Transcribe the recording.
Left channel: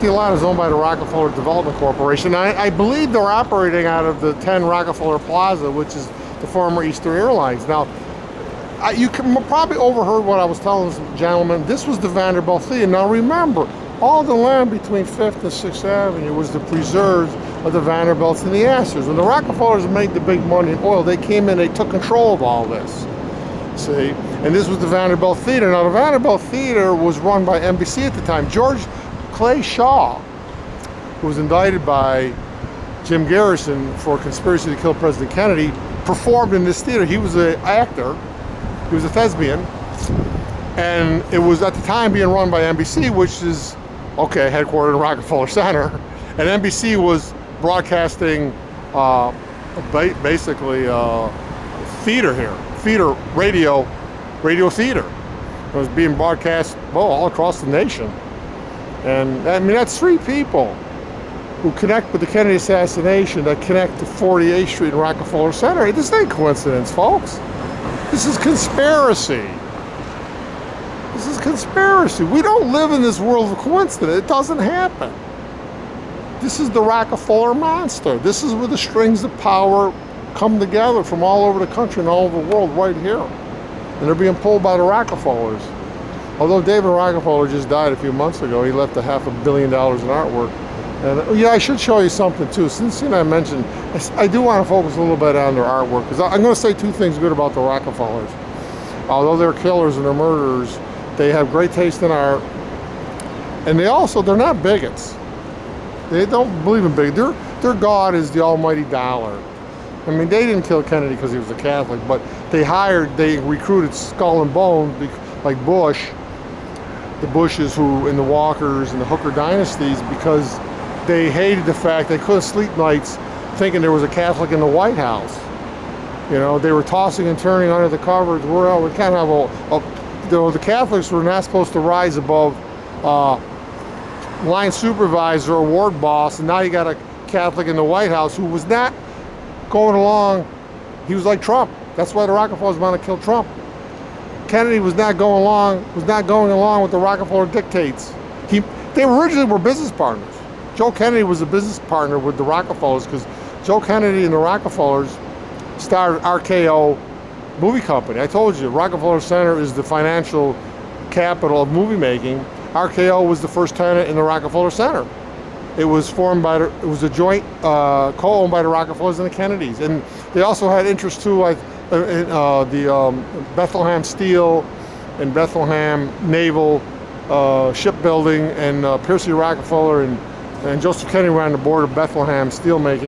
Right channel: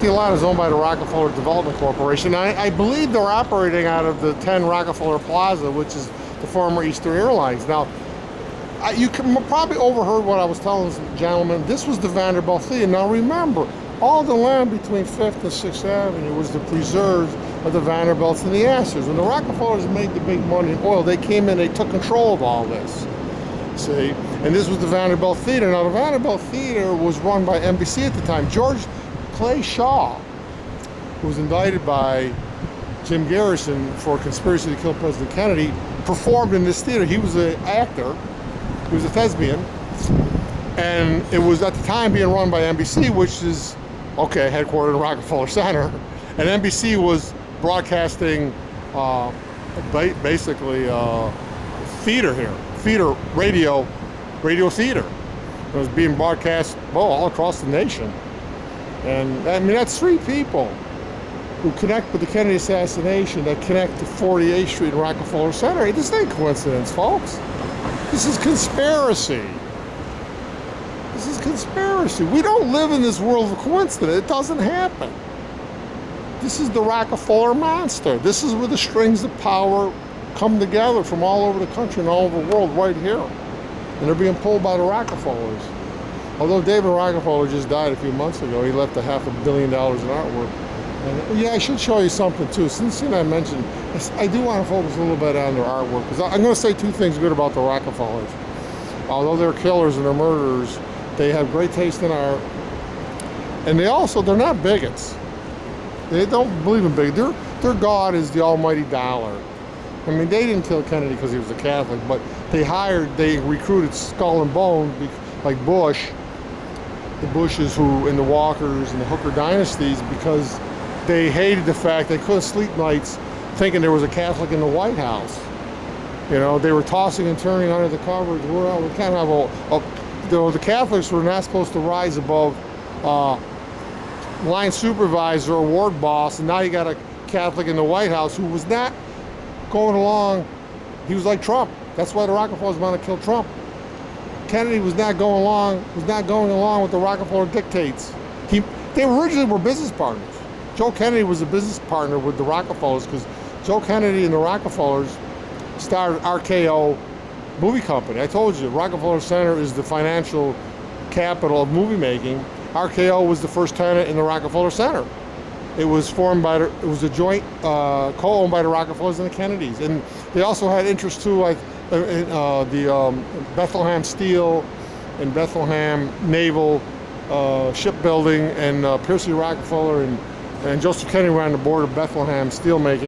The lot is owned by the Rockefeller Development Corporation. I believe they're operating out of the 10 Rockefeller Plaza, which is the former Eastern Airlines. Now, you probably overheard what I was telling this gentleman. This was the Vanderbilt Theater. Now remember, all the land between 5th and 6th Avenue was the preserves of the Vanderbilts and the Assas. When the Rockefellers made the big money in oil, they came in, they took control of all this. See? And this was the Vanderbilt Theater. Now, the Vanderbilt Theater was run by NBC at the time. George Clay Shaw, who was indicted by Jim Garrison for conspiracy to kill President Kennedy, performed in this theater. He was an actor, he was a thespian, and it was at the time being run by NBC, which is, okay, headquartered in Rockefeller Center, and NBC was broadcasting basically theater here, radio theater. It was being broadcast, well, all across the nation. And I mean, that's three people who connect with the Kennedy assassination, that connect to 48th Street and Rockefeller Center. This ain't coincidence, folks. This is conspiracy. This is conspiracy. We don't live in this world of coincidence. It doesn't happen. This is the Rockefeller monster. This is where the strings of power come together from all over the country and all over the world right here. And they're being pulled by the Rockefellers. Although David Rockefeller just died a few months ago, he left $500 million in artwork. And yeah, I should show you something too. Since I mentioned, I do want to focus a little bit on their artwork, because I'm going to say two things good about the Rockefellers. Although they're killers and they're murderers, they have great taste in art. And they're not bigots. They don't believe in big. Their God is the almighty dollar. I mean, they didn't kill Kennedy because he was a Catholic, but they recruited Skull and Bones, like Bush, the Bushes and the Walkers and the Hooker dynasties, because they hated the fact they couldn't sleep nights thinking there was a Catholic in the White House. You know, they were tossing and turning under the covers. We can't have the Catholics were not supposed to rise above line supervisor or ward boss, and now you got a Catholic in the White House who was not going along. He was like Trump. That's why the Rockefellers want to kill Trump. Kennedy was not going along with the Rockefeller dictates. They originally were business partners. Joe Kennedy was a business partner with the Rockefellers, because Joe Kennedy and the Rockefellers started RKO movie company. I told you, Rockefeller Center is the financial capital of movie making. RKO was the first tenant in the Rockefeller Center. It was a joint co-owned by the Rockefellers and the Kennedys, and they also had interest too, like in the Bethlehem Steel and Bethlehem Naval Shipbuilding, and Percy Rockefeller and Joseph Kennedy were on the board of Bethlehem Steelmaking.